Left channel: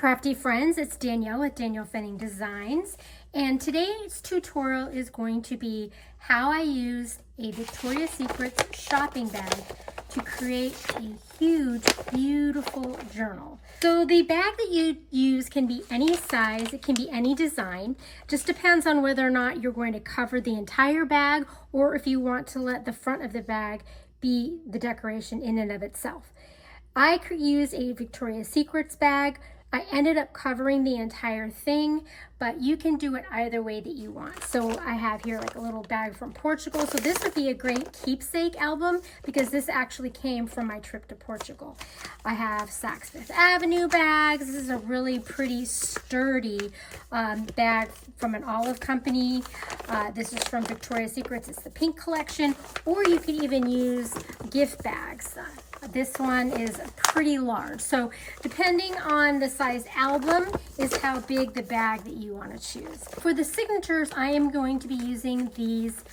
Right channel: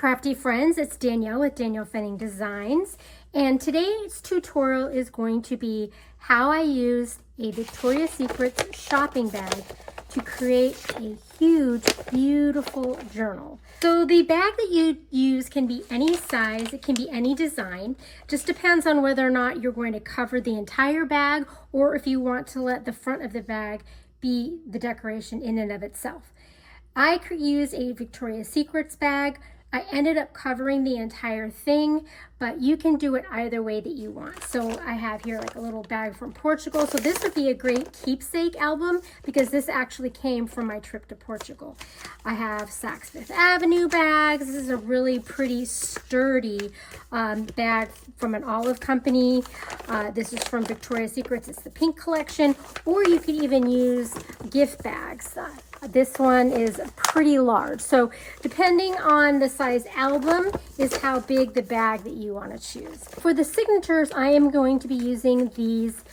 crafty friends, it's Danielle with Danielle Fenning Designs, and today's tutorial is going to be how I use a Victoria's Secret shopping bag to create a huge, beautiful journal. So the bag that you use can be any size, it can be any design, just depends on whether or not you're going to cover the entire bag or if you want to let the front of the bag be the decoration in and of itself. I could use a Victoria's Secrets bag. I ended up covering the entire thing, but you can do it either way that you want. So I have here like a little bag from Portugal. So this would be a great keepsake album because this actually came from my trip to Portugal. I have Saks Fifth Avenue bags. This is a really pretty sturdy bag from an olive company. This is from Victoria's Secrets. It's the pink collection, or you could even use gift bags. This one is pretty large. So depending on the size album is how big the bag that you want to choose. For the signatures, I am going to be using these,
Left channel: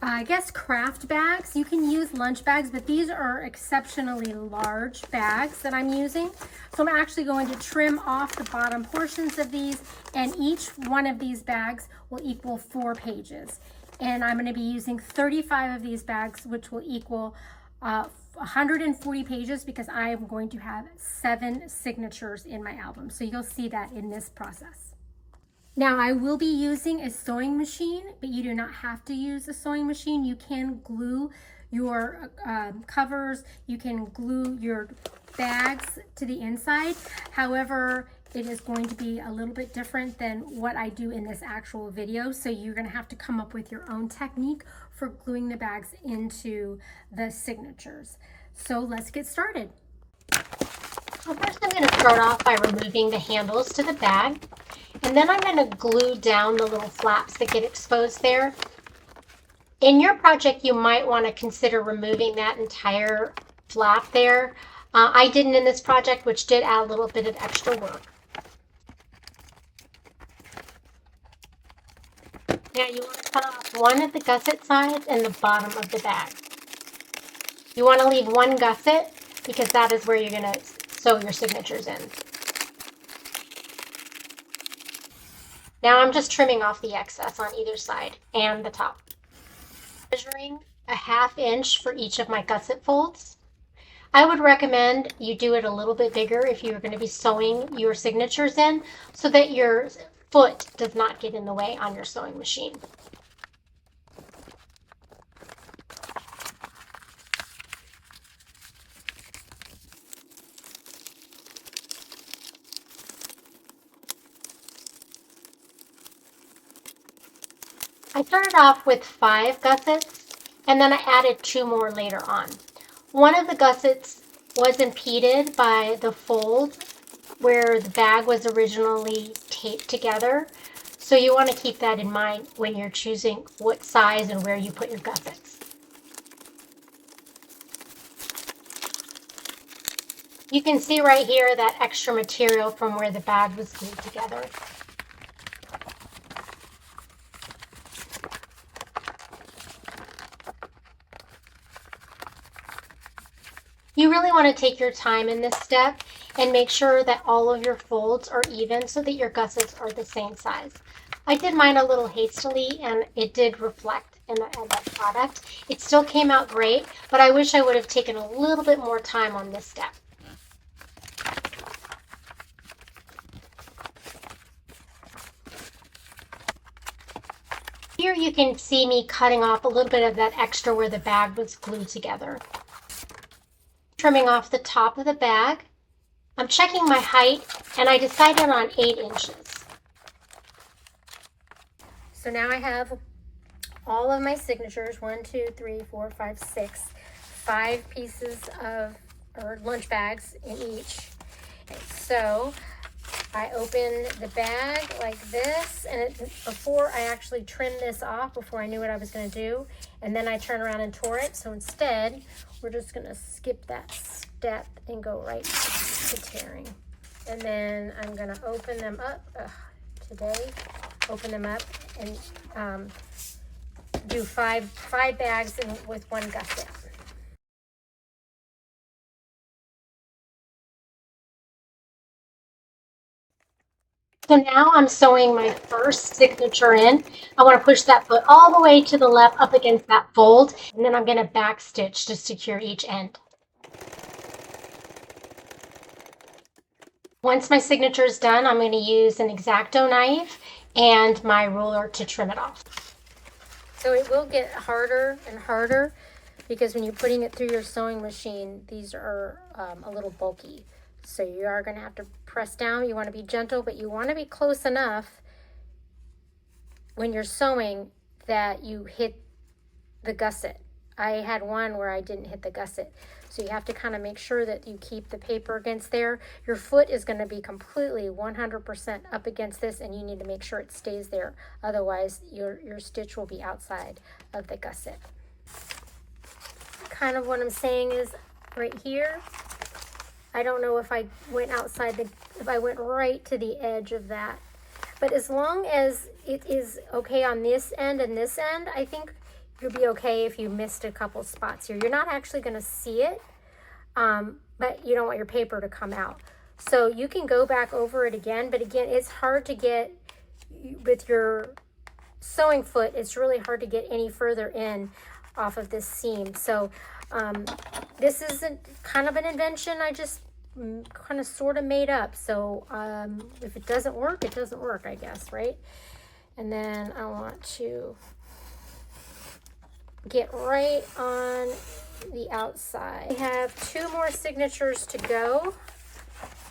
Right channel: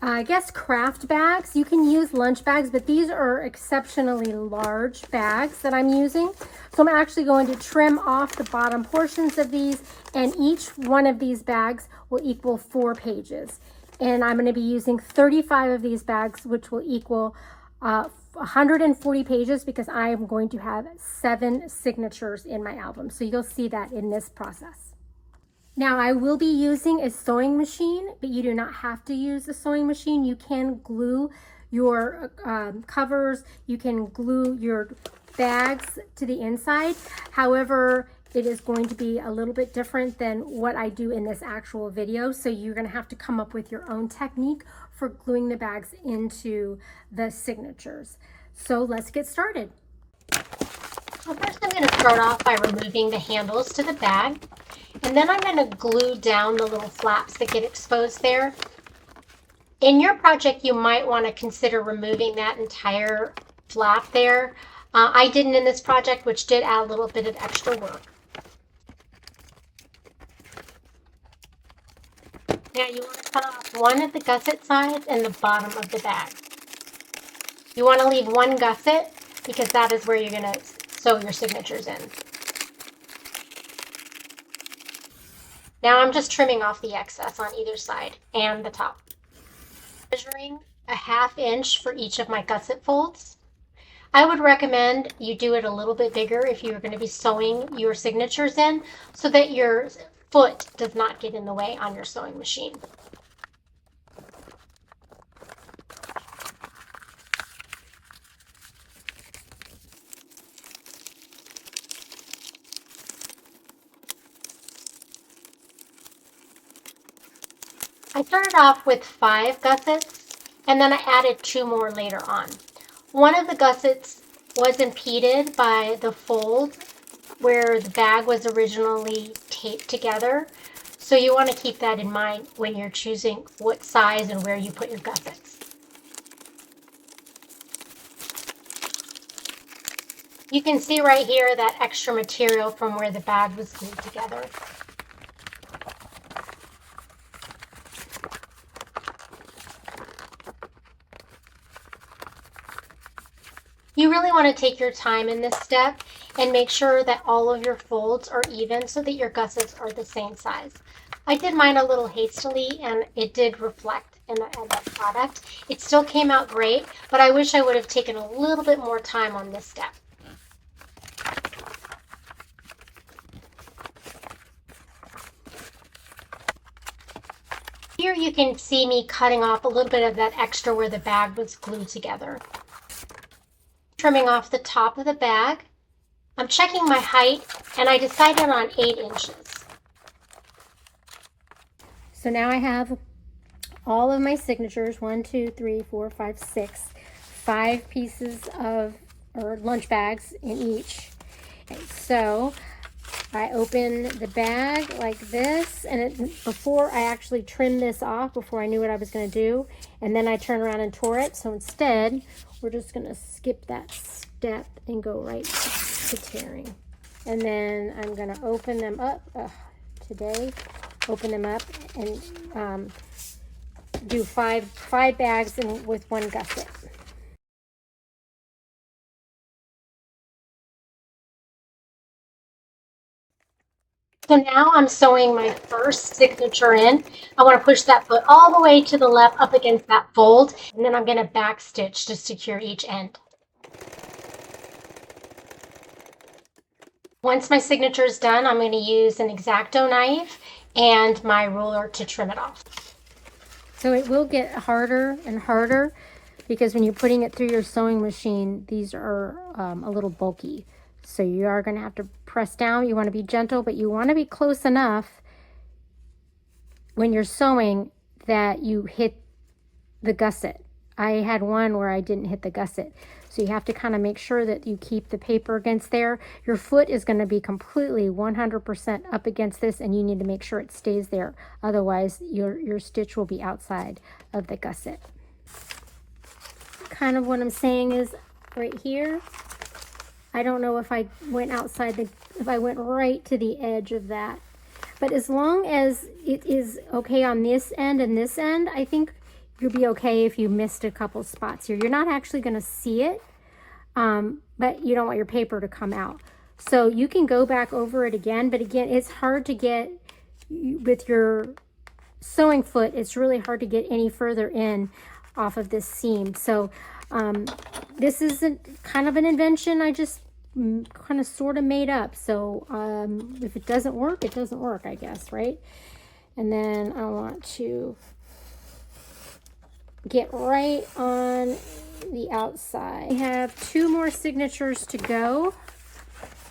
I guess, craft bags. You can use lunch bags, but these are exceptionally large bags that I'm using. So I'm actually going to trim off the bottom portions of these, and each one of these bags will equal 4 pages. And I'm going to be using 35 of these bags, which will equal 140 pages because I am going to have 7 signatures in my album. So you'll see that in this process. Now I will be using a sewing machine, but you do not have to use a sewing machine. You can glue your covers, you can glue your bags to the inside. However, it is going to be a little bit different than what I do in this actual video. So you're going to have to come up with your own technique for gluing the bags into the signatures. So let's get started. Well, first I'm going to start off by removing the handles to the bag, and then I'm going to glue down the little flaps that get exposed there. In your project, you might want to consider removing that entire flap there. I didn't in this project, which did add a little bit of extra work. Now you want to cut off one of the gusset sides and the bottom of the bag. You want to leave one gusset because that is where you're going to sew your signatures in. Now I'm just trimming off the excess on either side and the top. Measuring a 1/2 inch for each of my gusset folds. I would recommend you do it a little bit bigger if you're going to be sewing your signatures in so that your foot does not get in the way on your sewing machine. I started off with 5 gussets and then I added 2 more later on. One of the gussets was impeded by the fold where the bag was originally taped together. So you want to keep that in mind when you're choosing what size and where you put your gussets. You can see right here that extra material from where the bag was glued together. You really want to take your time in this step and make sure that all of your folds are even so that your gussets are the same size. I did mine a little hastily and it did reflect in the end product. It still came out great, but I wish I would have taken a little bit more time on this step. Here you can see me cutting off a little bit of that extra where the bag was glued together. Trimming off the top of the bag. I'm checking my height and I decided on 8 inches. So now I have all of my signatures, 1, 2, 3, 4, 5, 6, 5 pieces of, or lunch bags in each. And so I open the bag like this, and before I actually trimmed this off, before I knew what I was going to do, and then I turn around and tore it. So instead, we're just going to skip that step and go right to tearing. And then I'm going to open them up open them up and do five bags with 1 gusset. So now I'm sewing my first signature in. I want to push that foot all the way to the left up against that fold, and then I'm going to back stitch to secure each end. Once my signature is done, I'm going to use an X-Acto knife and my ruler to trim it off. So it will get harder and harder because when you're putting it through your sewing machine, these are a little bulky. So you are going to have to press down. You want to be gentle, but you want to be close enough when you're sewing that you hit the gusset. I had one where I didn't hit the gusset. So you have to kind of make sure that you keep the paper against there. Your foot is going to be completely 100% up against this, and you need to make sure it stays there. Otherwise, your stitch will be outside of the gusset. Kind of what I'm saying is right here, I don't know if I went if I went right to the edge of that. But as long as it is okay on this end and this end, I think you'll be okay if you missed a couple spots here. You're not actually going to see it, but you don't want your paper to come out. So you can go back over it again, but again, it's hard to get, with your sewing foot, it's really hard to get any further in off of this seam. So this is kind of an invention I just kind of sort of made up. So if it doesn't work, it doesn't work, I guess, right? And then I want to get right on the outside. We have 2 more signatures to go,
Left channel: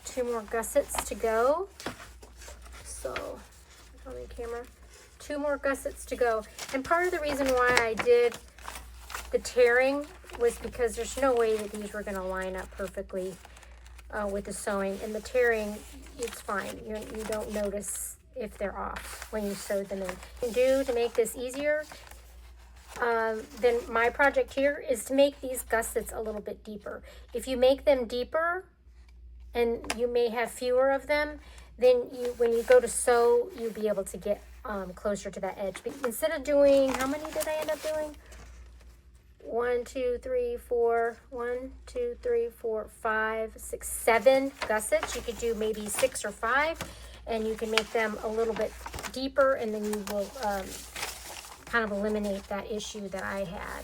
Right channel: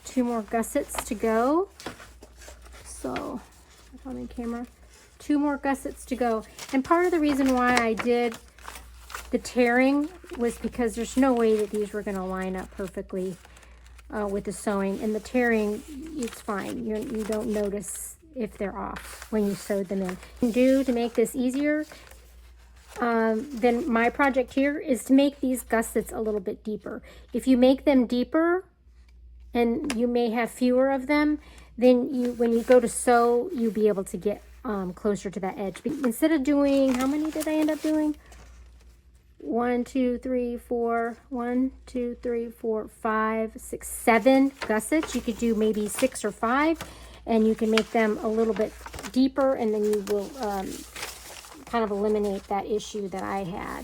2 more gussets to go. So on the camera, 2 more gussets to go. And part of the reason why I did the tearing was because there's no way that these were going to line up perfectly with the sewing. And the tearing, it's fine. You don't notice if they're off when you sewed them in. What you can do to make this easier then my project here is to make these gussets a little bit deeper. If you make them deeper, and you may have fewer of them, then when you go to sew, you'll be able to get closer to that edge. But instead of doing, how many did I end up doing? 1, 2, 3, 4, 1, 2, 3, 4, 5, 6, 7 gussets. You could do maybe 6 or 5, and you can make them a little bit deeper, and then you will kind of eliminate that issue that I had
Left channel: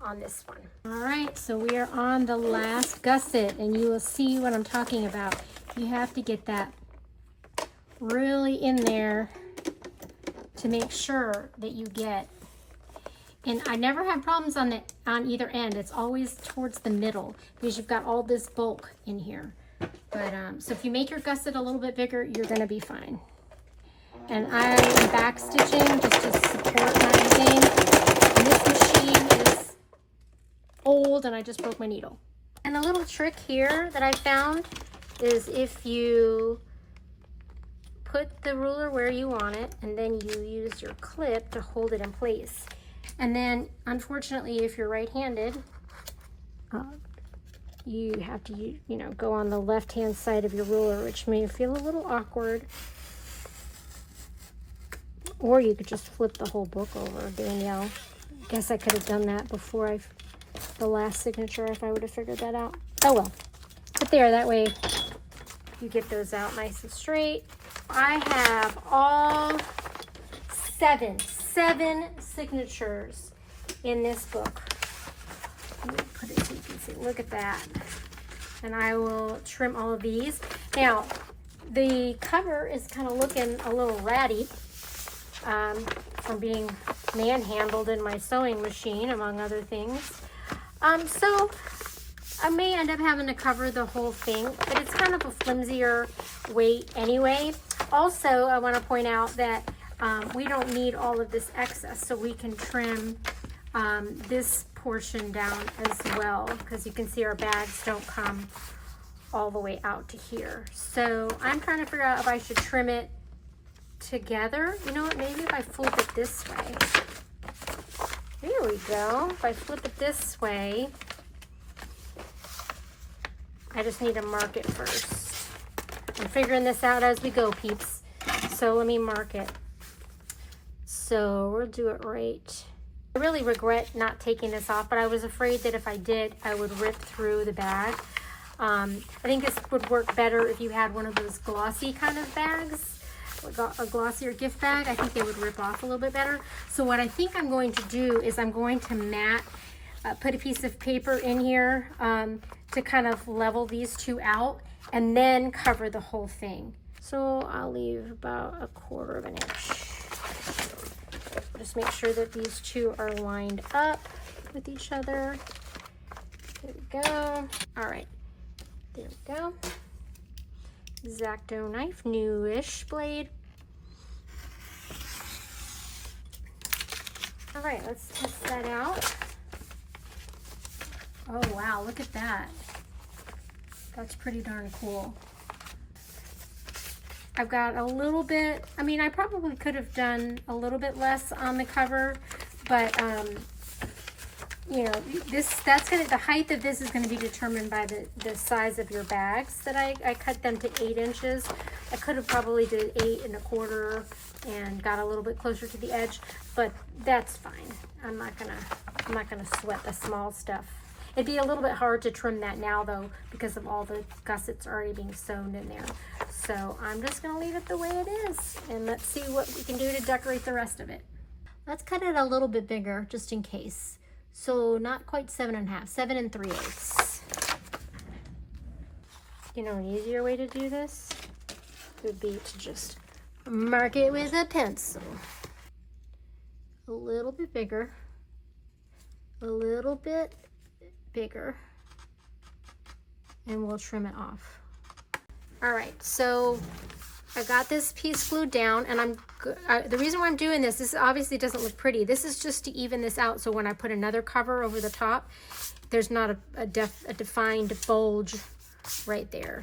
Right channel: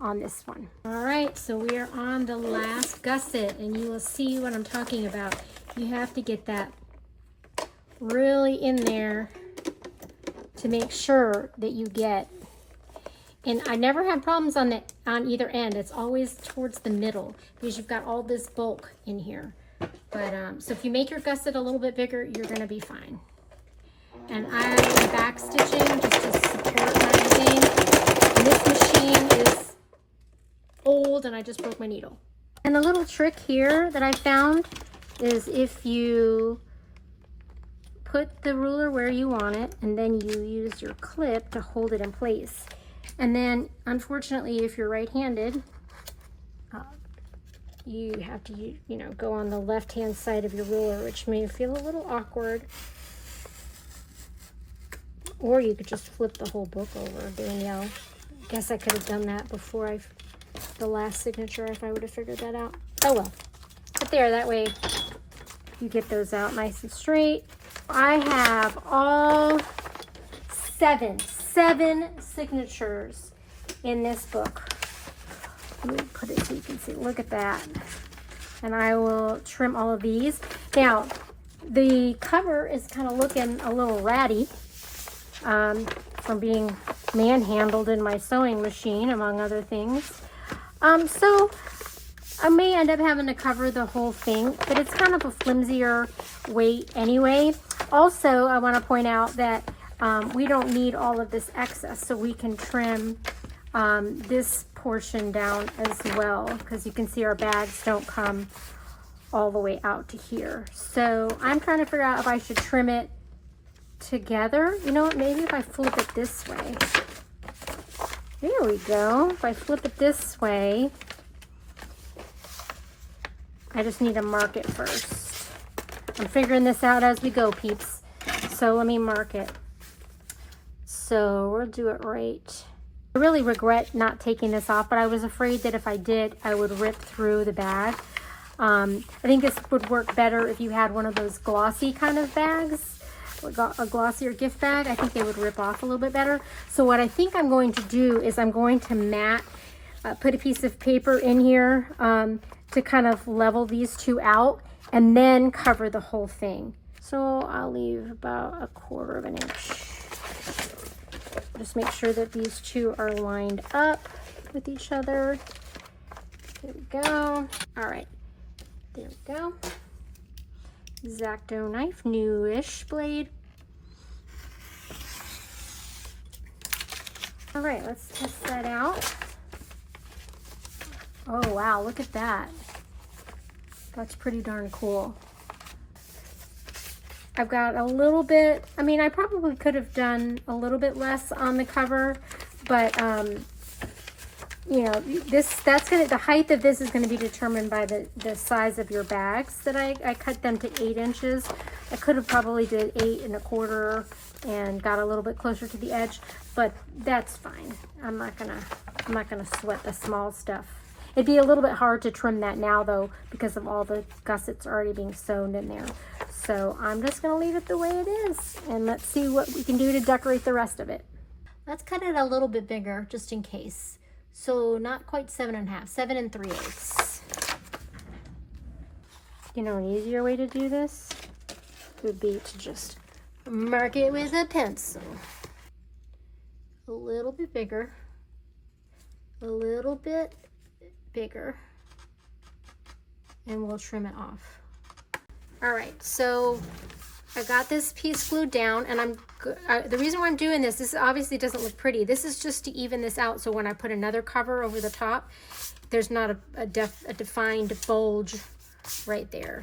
on this one. All right, so we are on the last gusset, and you will see what I'm talking about. You have to get that really in there to make sure that you get, and I never have problems on either end. It's always towards the middle because you've got all this bulk in here. But so if you make your gusset a little bit bigger, you're going to be fine. And I am back stitching just to support my thing. And this machine is old and I just broke my needle. And the little trick here that I found is if you put the ruler where you want it and then you use your clip to hold it in place. And then unfortunately, if you're right-handed, you have to, go on the left-hand side of your ruler, which may feel a little awkward. Or you could just flip the whole book over, Danielle. I guess I could have done that before the last signature if I would have figured that out. Oh well. But there, that way you get those out nice and straight. I have all seven signatures in this book. Let me put it so you can see. Look at that. And I will trim all of these. Now, the cover is kind of looking a little ratty. From being manhandled in my sewing machine, among other things. So I may end up having to cover the whole thing, but it's kind of a flimsier weight anyway. Also, I want to point out that we don't need all of this excess, so we can trim this portion down as well, because you can see our bags don't come all the way out to here. So I'm trying to figure out if I should trim it together. You know what, maybe if I flip it this way. There we go. If I flip it this way, I just need to mark it first. I'm figuring this out as we go, peeps. So let me mark it. So we'll do it right. I really regret not taking this off, but I was afraid that if I did, I would rip through the bag. I think this would work better if you had one of those glossy kind of bags. a glossier gift bag, I think they would rip off a little bit better. So what I think I'm going to do is I'm going to mat, put a piece of paper in here to kind of level these two out and then cover the whole thing. So I'll leave about 1/4 of an inch. Just make sure that these two are lined up with each other. There we go. All right, there we go. X-Acto knife, newish blade. All right, let's test that out. Oh wow, look at that. That's pretty darn cool. I've got a little bit, I mean, I probably could have done a little bit less on the cover, but you know, the height of this is gonna be determined by the size of your bags that I cut them to 8 inches. I could have probably did 8 1/4 and got a little bit closer to the edge, but that's fine. I'm not gonna sweat the small stuff. It'd be a little bit hard to trim that now though, because of all the gussets already being sewn in there. So I'm just gonna leave it the way it is, and let's see what we can do to decorate the rest of it. Let's cut it a little bit bigger, just in case. So not quite 7 1/2, 7 3/8. You know, an easier way to do this would be to just mark it with a pencil. A little bit bigger, a little bit bigger, and we'll trim it off. All right, so I got this piece glued down, and the reason why I'm doing this obviously doesn't look pretty. This is just to even this out, so when I put another cover over the top, there's not a defined bulge right there.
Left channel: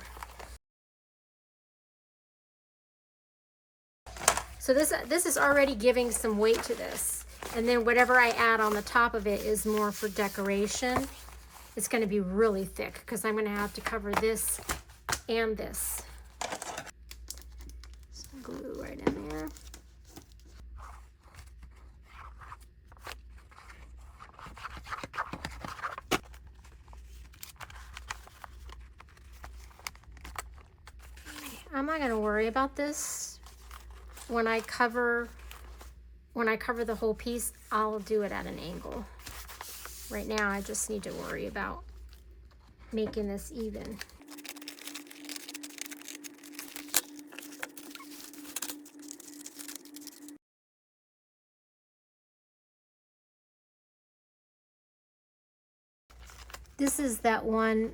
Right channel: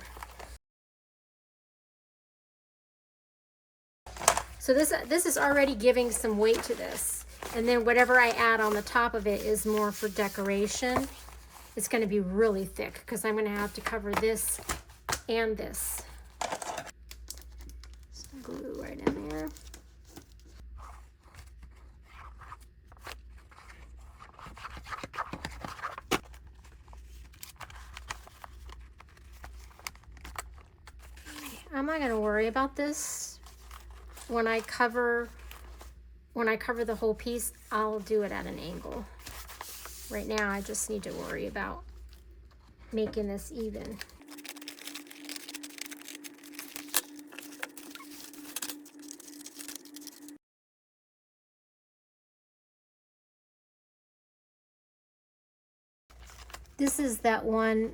So this is already giving some weight to this, and then whatever I add on the top of it is more for decoration. It's going to be really thick because I'm going to have to cover this and this. Some glue right in there. I'm not going to worry about this. When I cover the whole piece, I'll do it at an angle. Right now, I just need to worry about making this even. This is that one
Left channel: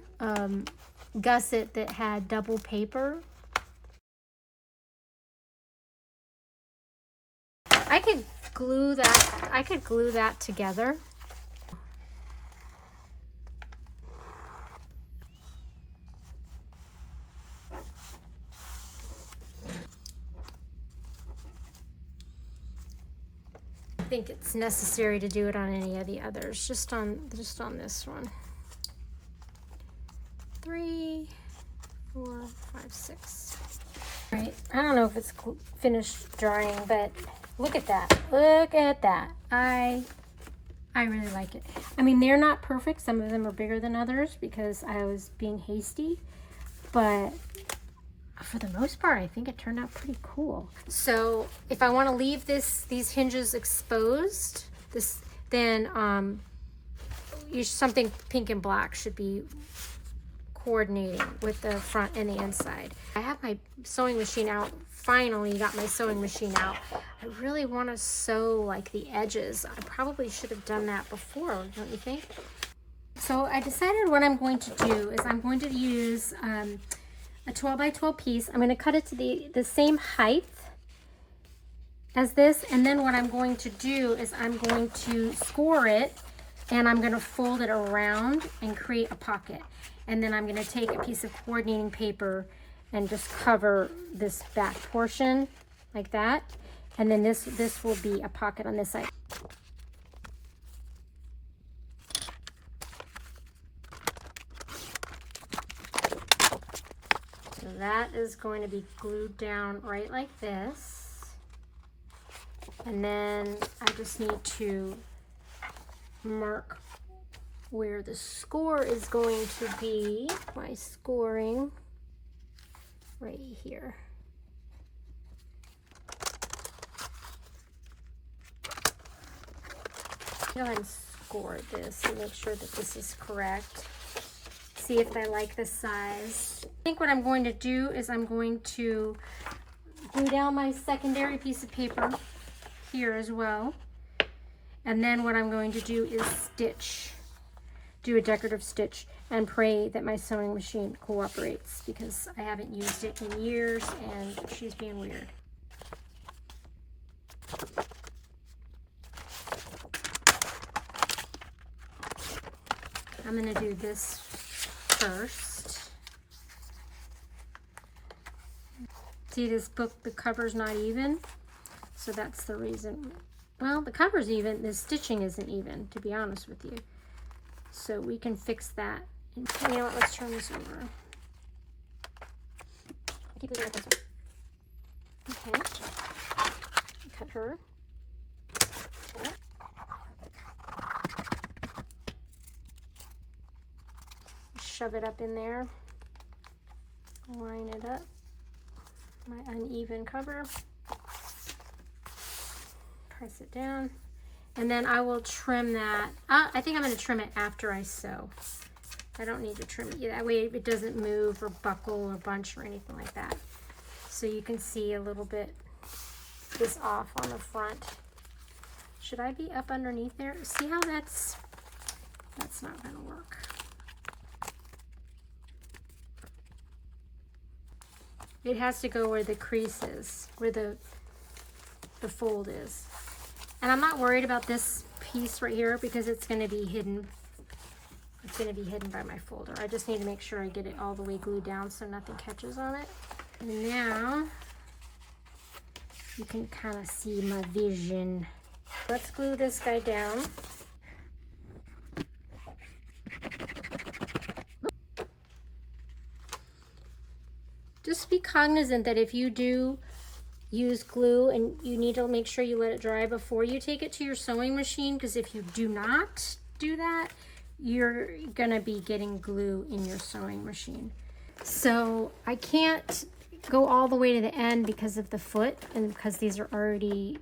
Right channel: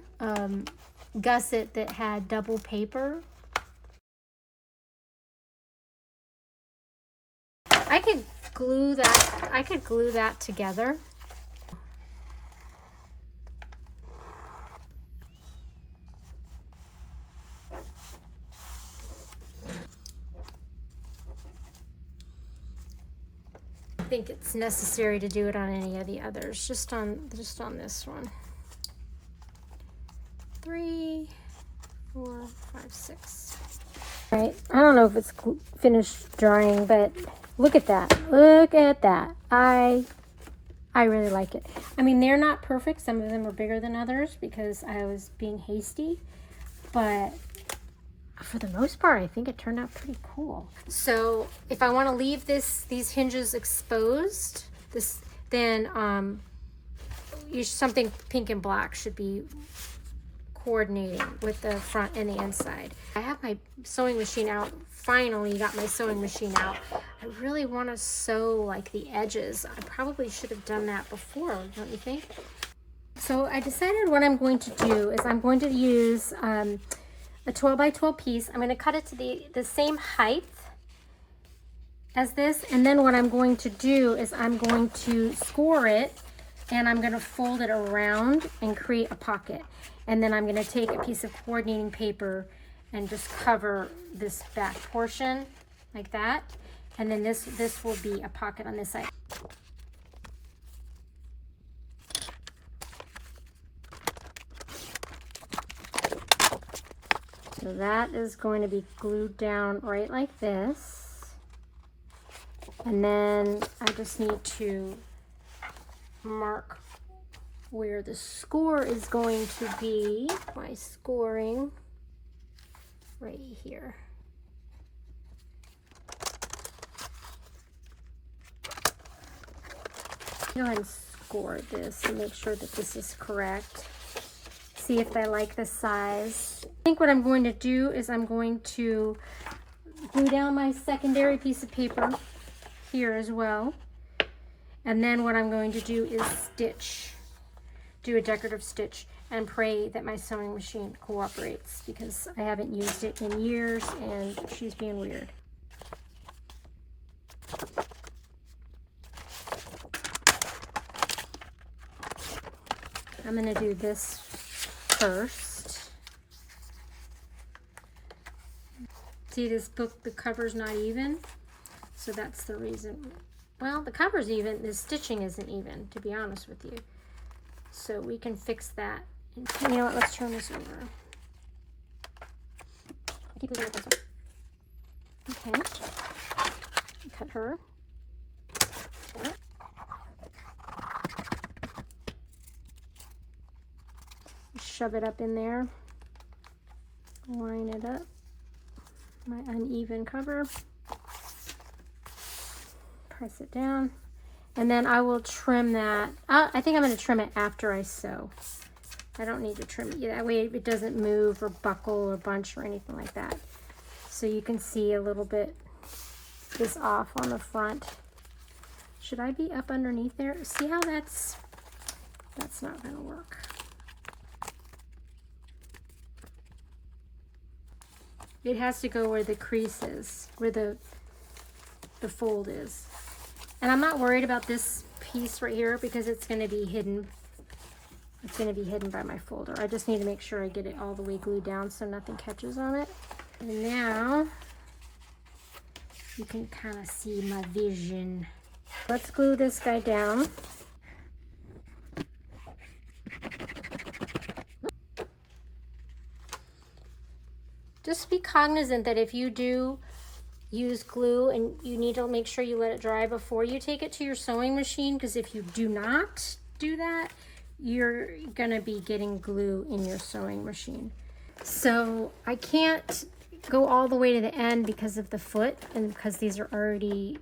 gusset that had double paper. I could glue that together. I think it's necessary to do it on any of the others, just on this one. 3, 4, 5, 6. All right, I don't know if it's finished drying, but look at that. Look at that. I really like it. I mean, they're not perfect. Some of them are bigger than others because I was being hasty, but for the most part, I think it turned out pretty cool. So if I want to leave these hinges exposed, then something pink and black should be coordinating with the front and the inside. I have my sewing machine out. Finally got my sewing machine out. I really want to sew like the edges. I probably should have done that before, don't you think? So I decided what I'm going to do is I'm going to use a 12 by 12 piece. I'm going to cut it to the same height as this, and then what I'm going to do is I'm going to score it, and I'm going to fold it around and create a pocket. And then I'm going to take a piece of coordinating paper and just cover this back portion like that, and then this will be a pocket on this side. So that is going to be glued down right like this. And then I just need to mark where the score is going to be. My scoring right here. Go ahead and score this and make sure that this is correct. See if I like the size. I think what I'm going to do is I'm going to glue down my secondary piece of paper here as well. And then what I'm going to do is do a decorative stitch and pray that my sewing machine cooperates, because I haven't used it in years and she's being weird. I'm going to do this first. See, this book, the cover's not even, so that's the reason. Well, the cover's even, the stitching isn't even, to be honest with you. So we can fix that. You know what, let's turn this over. Keep looking at this one. Okay. Cut her. Shove it up in there. Line it up. My uneven cover. Press it down. And then I will trim that. I think I'm going to trim it after I sew. I don't need to trim it. That way it doesn't move or buckle or bunch or anything like that. So you can see a little bit this off on the front. Should I be up underneath there? See how that's not going to work. It has to go where the crease is, where the fold is. And I'm not worried about this piece right here because it's going to be hidden. It's going to be hidden by my folder. I just need to make sure I get it all the way glued down so nothing catches on it. And now you can kind of see my vision. Let's glue this guy down. Just be cognizant that if you do use glue, and you need to make sure you let it dry before you take it to your sewing machine, because if you do not do that, you're gonna be getting glue in your sewing machine. So I can't go all the way to the end because of the foot, and because these are already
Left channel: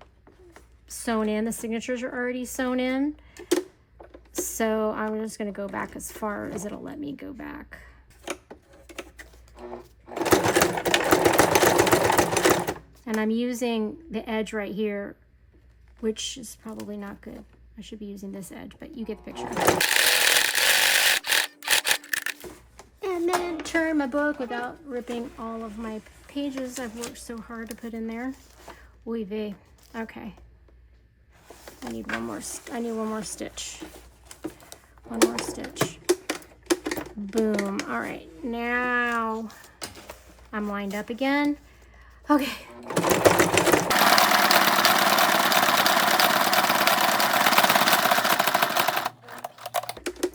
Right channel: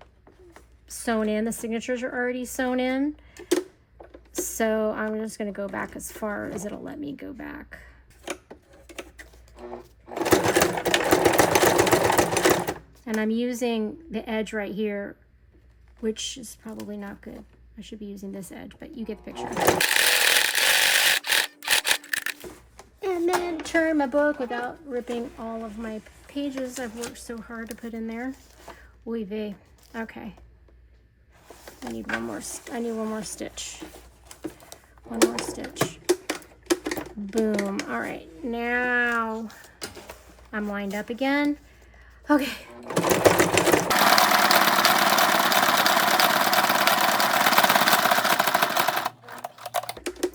sewn in, the signatures are already sewn in. So I'm just gonna go back as far as it'll let me go back. And I'm using the edge right here, which is probably not good. I should be using this edge, but you get the picture. And then turn my book without ripping all of my pages I've worked so hard to put in there. Oy vey. Okay. I need one more stitch. One more stitch. Boom. All right. Now I'm lined up again. Okay.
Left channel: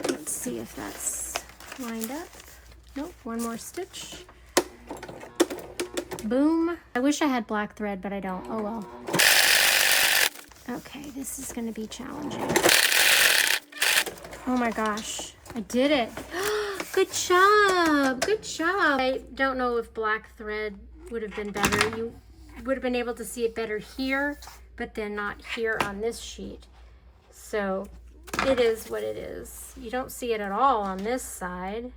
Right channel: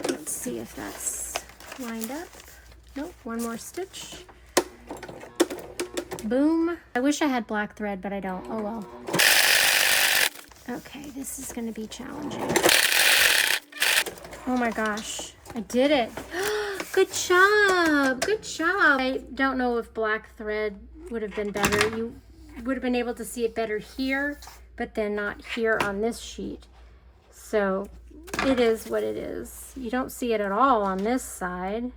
Let's see if that's lined up. Nope, one more stitch. Boom. I wish I had black thread, but I don't. Oh well. Okay, this is going to be challenging. Oh my gosh, I did it. Good job. Good job. I don't know if black thread would have been better. You would have been able to see it better here, but then not here on this sheet. So it is what it is. You don't see it at all on this side.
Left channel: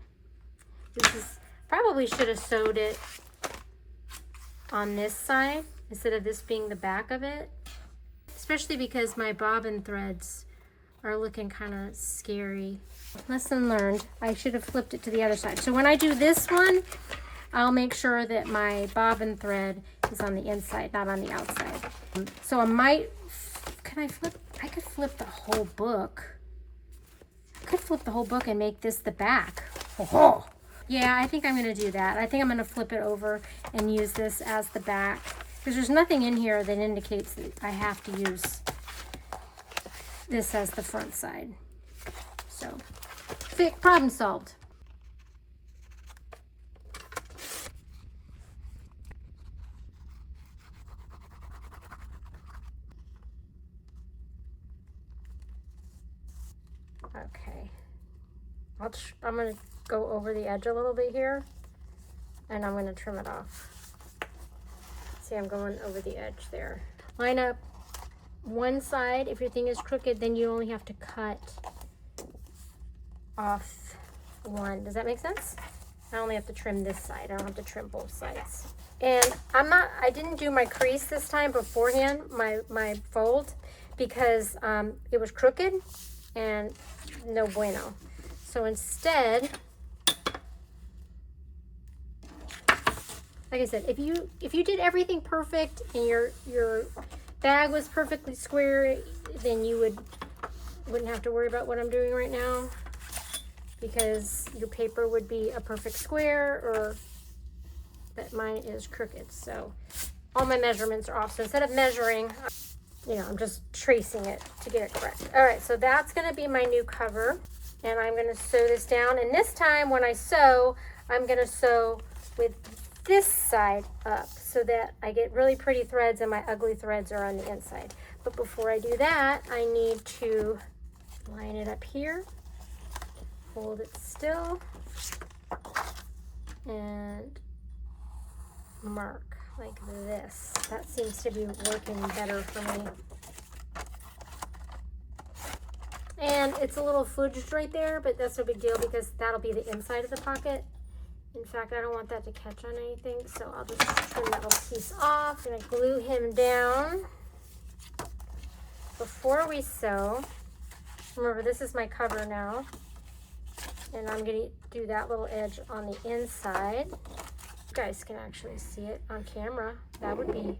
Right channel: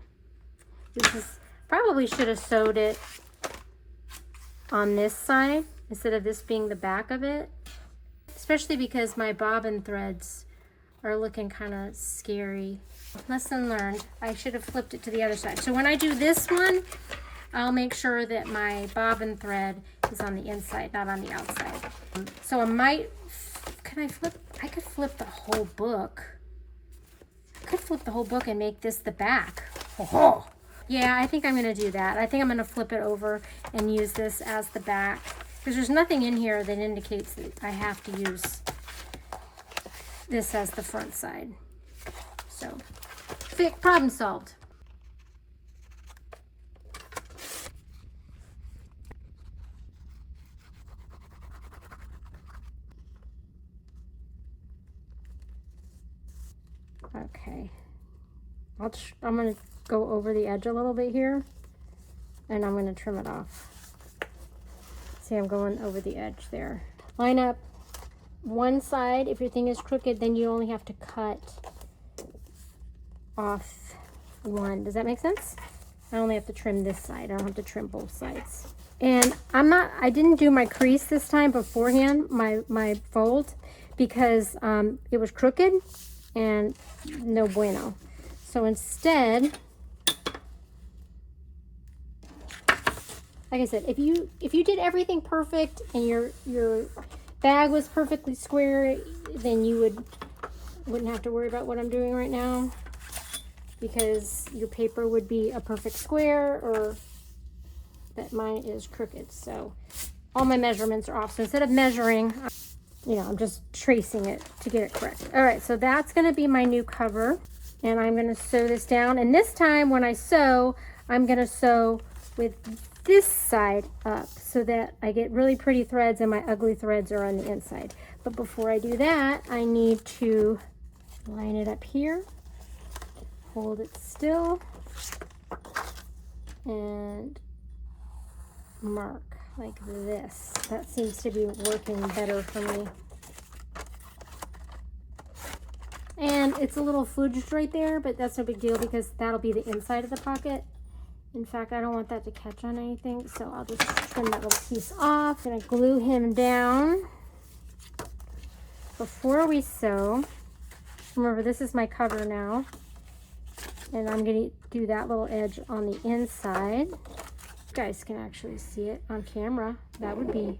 This is, probably should have sewed it on this side instead of this being the back of it, especially because my bobbin threads are looking kind of scary. Lesson learned. I should have flipped it to the other side. So when I do this one, I'll make sure that my bobbin thread is on the inside, not on the outside. So I might, I could flip the whole book. I could flip the whole book and make this the back. Oh. Yeah, I think I'm gonna do that. I think I'm gonna flip it over and use this as the back, because there's nothing in here that indicates that I have to use this as the front side. So, problem solved. Okay, I'm going to go over the edge a little bit here, and I'm going to trim it off. See, I'm going over the edge there. Line up, one side, if your thing is crooked, then you only have to cut off one. Does that make sense? I only have to trim this side. I don't have to trim both sides. And I didn't do my crease this time beforehand, my fold, because it was crooked and no bueno. So instead, like I said, if you did everything perfect and your bag was perfectly square, then you wouldn't have to worry about what I'm doing right now, because your paper would be a perfect square, or that mine is crooked. So all my measurements are off. So instead of measuring, I'm just tracing it to get it correct. All right, so that's gonna be my new cover, and I'm gonna sew this down. And this time when I sew, I'm gonna sew with this side up so that I get really pretty threads and my ugly threads are on the inside. But before I do that, I need to line it up here, hold it still, and mark like this. That seems to be working better for me. And it's a little fudged right there, but that's no big deal because that'll be the inside of the pocket. In fact, I don't want that to catch on anything, so I'll just trim that little piece off. And I glue him down. Before we sew, remember this is my cover now, and I'm going to do that little edge on the inside. You guys can actually see it on camera. That would be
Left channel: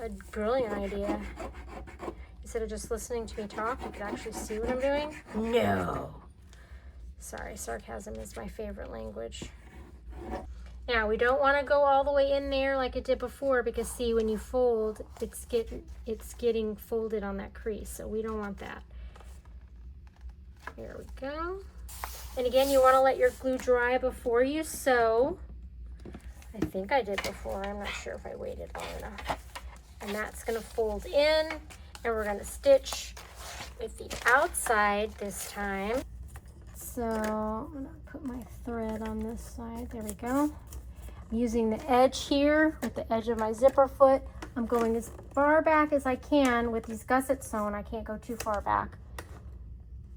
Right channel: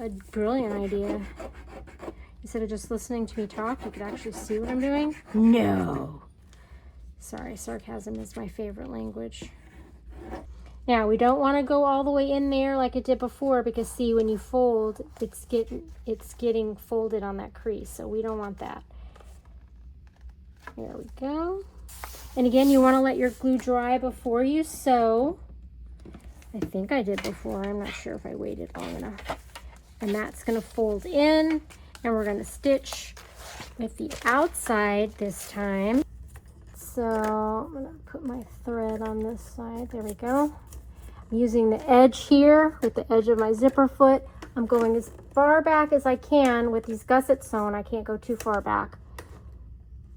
a brilliant idea. Instead of just listening to me talk, you can actually see what I'm doing. No. Sorry, sarcasm is my favorite language. Now, we don't want to go all the way in there like it did before, because see, when you fold, it's getting folded on that crease, so we don't want that. There we go. And again, you want to let your glue dry before you sew. I think I did before. I'm not sure if I waited long enough. And that's going to fold in, and we're going to stitch with the outside this time. So I'm going to put my thread on this side. There we go. I'm using the edge here with the edge of my zipper foot. I'm going as far back as I can with these gussets sewn. I can't go too far back.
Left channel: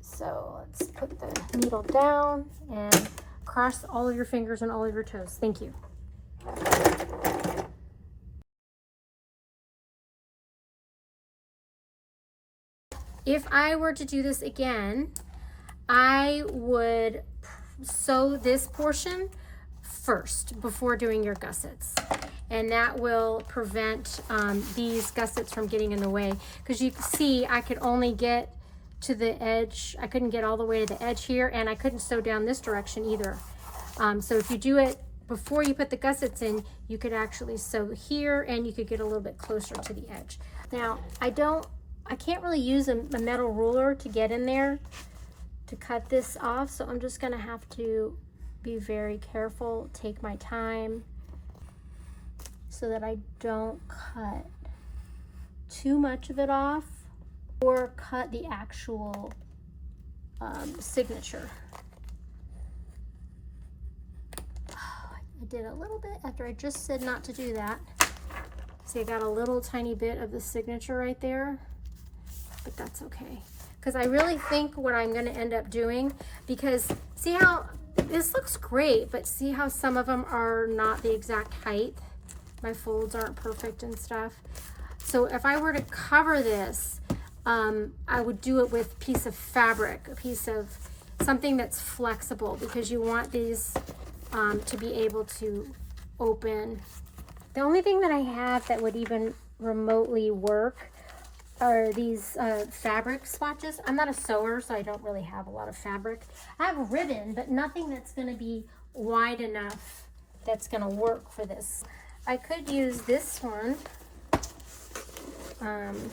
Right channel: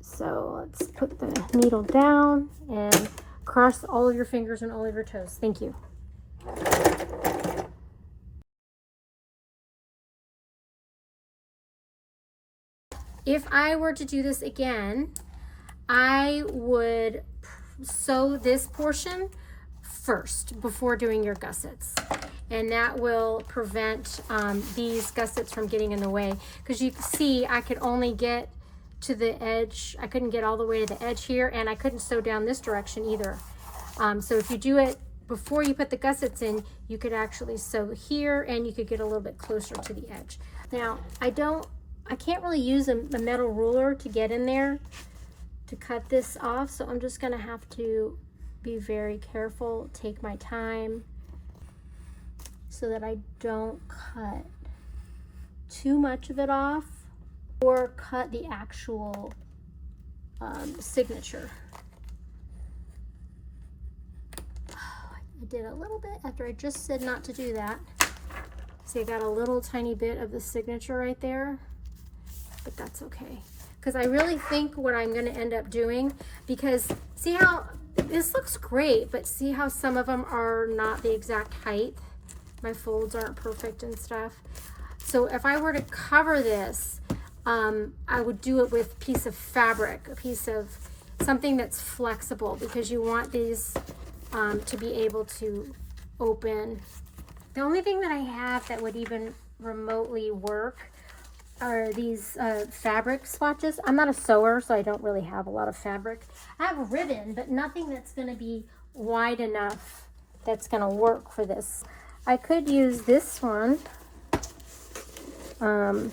So let's put the needle down and cross all of your fingers and all of your toes. Thank you. If I were to do this again, I would sew this portion first before doing your gussets, and that will prevent these gussets from getting in the way, because you can see I could only get to the edge. I couldn't get all the way to the edge here, and I couldn't sew down this direction either. So if you do it before you put the gussets in, you could actually sew here, and you could get a little bit closer to the edge. Now I can't really use a metal ruler to get in there to cut this off, so I'm just gonna have to be very careful, take my time, so that I don't cut too much of it off or cut the actual signature. I did a little bit after I just said not to do that. See, I got a little tiny bit of the signature right there, but that's okay. Because I really think what I'm going to end up doing, because see how this looks great, but see how some of them are not the exact height. My folds aren't perfect and stuff. So if I were to cover this, I would do it with a piece of fabric, a piece of something that's flexible, because you want these to be able to open. The only thing that I have that would even remotely work are these fabric swatches. I'm not a sewer, so I don't really have a lot of fabric. I have a ribbon, but nothing that's going to be wide enough that's going to work for this. I could use this one and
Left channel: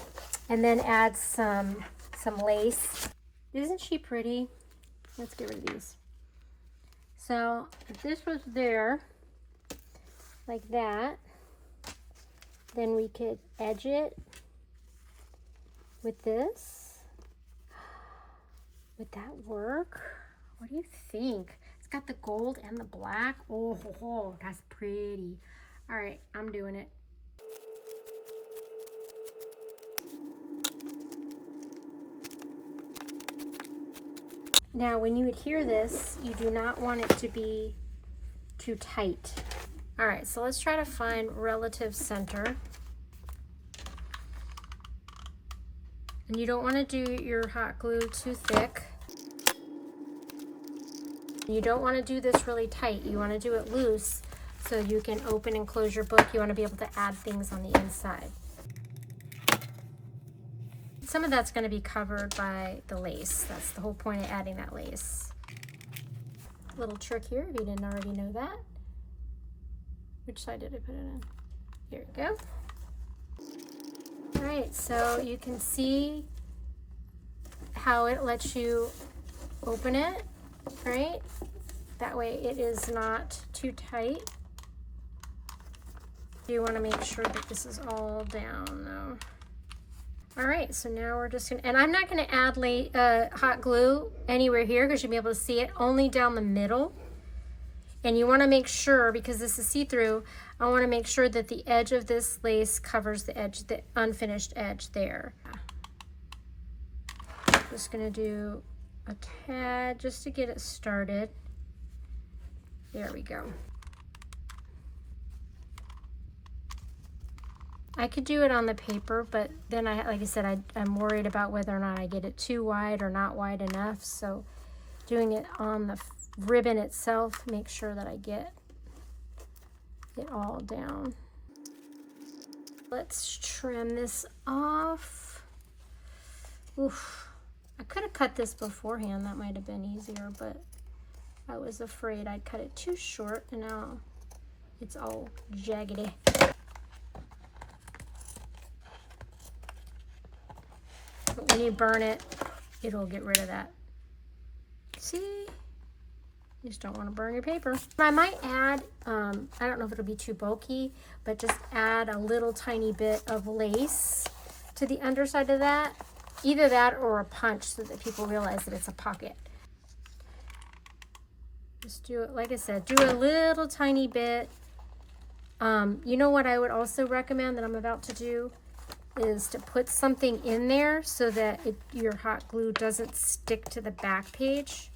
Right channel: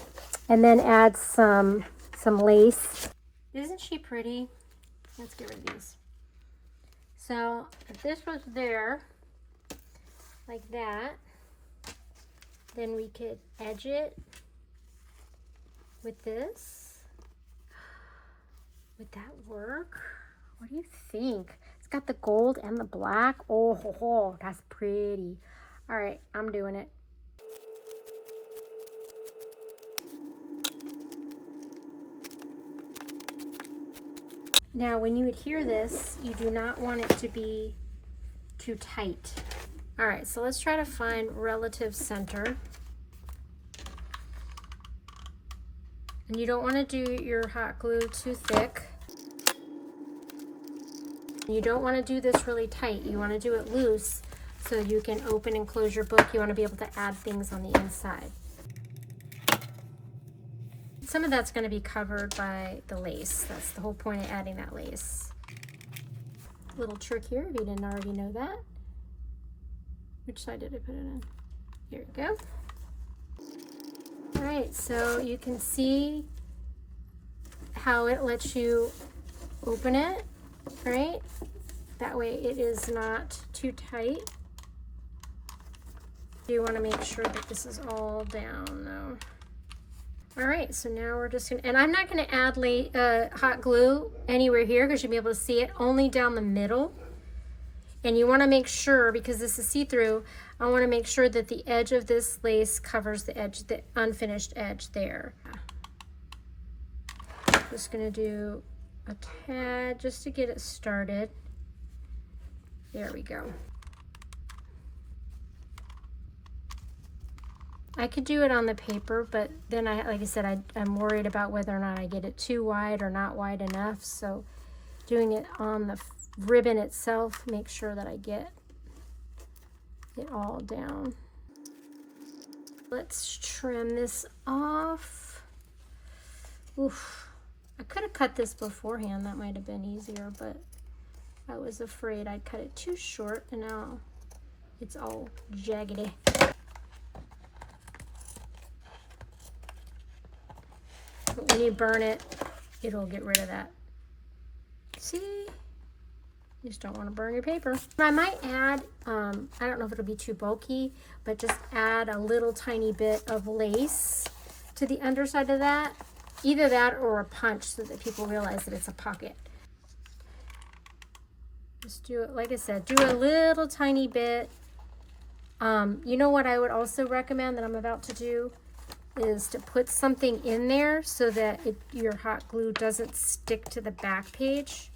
then add some lace. Isn't she pretty? Let's get rid of these. So if this was there like that, then we could edge it with this. Would that work? What do you think? It's got the gold and the black. Oh, that's pretty. All right, I'm doing it. Now, when you adhere this, you do not want it to be too tight. All right, so let's try to find relative center. And you don't want to do your hot glue too thick. You don't want to do this really tight. You want to do it loose so you can open and close your book. You want to be able to add things on the inside. Some of that's going to be covered by the lace. That's the whole point of adding that lace. Little trick here, if you didn't already know that. Which side did I put it in? Here we go. All right, so you can see how it lets you open it, right? That way it is not too tight. You want to make sure that this is all down though. All right, so now we're just gonna, and I'm not gonna add hot glue anywhere here because you'll be able to see it, only down the middle. And you wanna make sure, because this is see-through, I wanna make sure that the edge of this lace covers the edge, the unfinished edge there. Just gonna do a tad just to get it started. There we go. I could do it on the paper, but then like I said, I'm worried about whether or not I get it too wide or not wide enough. So doing it on the ribbon itself, make sure that I get it all down. Let's trim this off. Oof. I could have cut this beforehand. That might have been easier, but I was afraid I'd cut it too short, and now it's all jaggedy. But when you burn it, it'll get rid of that. See? You just don't want to burn your paper. I might add, I don't know if it'll be too bulky, but just add a little tiny bit of lace to the underside of that. Either that or a punch so that people realize that it's a pocket. Just do it, like I said, do a little tiny bit. You know what I would also recommend that I'm about to do is to put something in there so that your hot glue doesn't stick to the back page.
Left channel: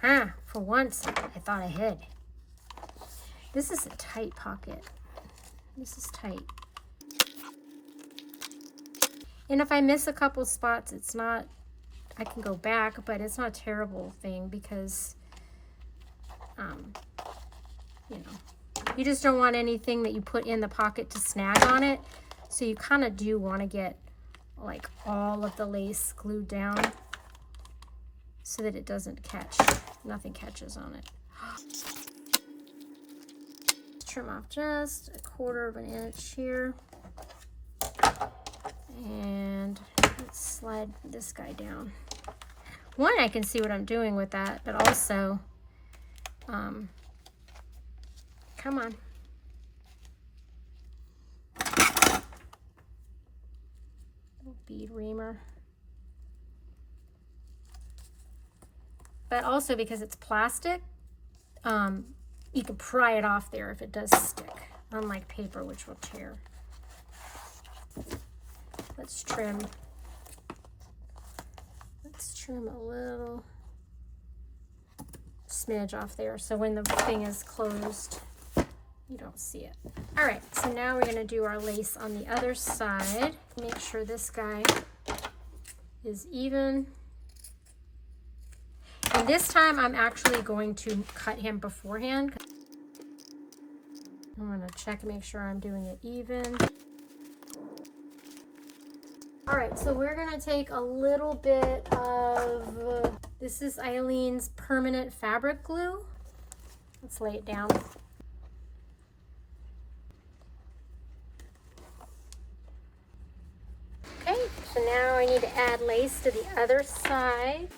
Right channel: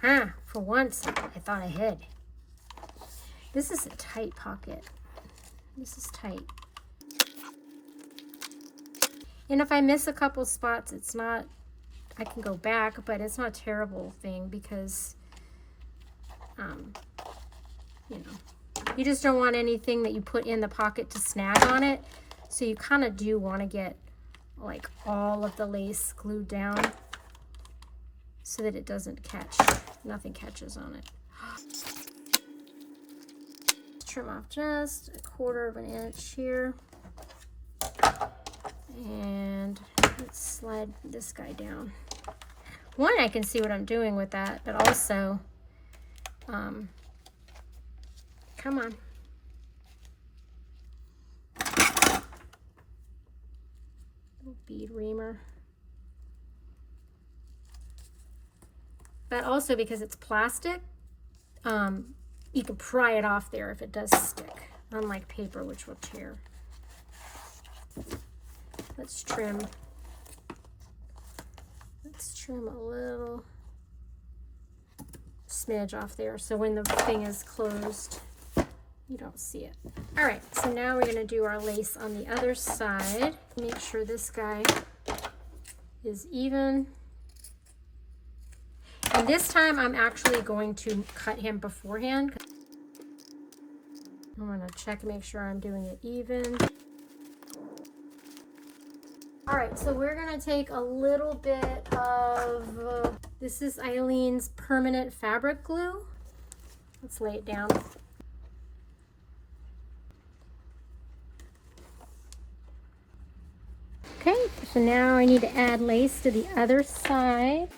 For once, I thought ahead. This is a tight pocket. This is tight. And if I miss a couple spots, it's not, I can go back, but it's not a terrible thing because, you know, you just don't want anything that you put in the pocket to snag on it. So you kind of do want to get like all of the lace glued down so that it doesn't catch, nothing catches on it. Trim off just 1/4 of an inch here. And let's slide this guy down. One, I can see what I'm doing with that, but also, come on. Little bead reamer. But also because it's plastic, you can pry it off there if it does stick, unlike paper, which will tear. Let's trim. Let's trim a little smidge off there so when the thing is closed, you don't see it. All right, so now we're gonna do our lace on the other side. Make sure this guy is even. And this time I'm actually going to cut him beforehand. I'm gonna check and make sure I'm doing it even. All right, so we're gonna take a little bit of, this is Eileen's permanent fabric glue. Let's lay it down. Okay, so now I need to add lace to the other side.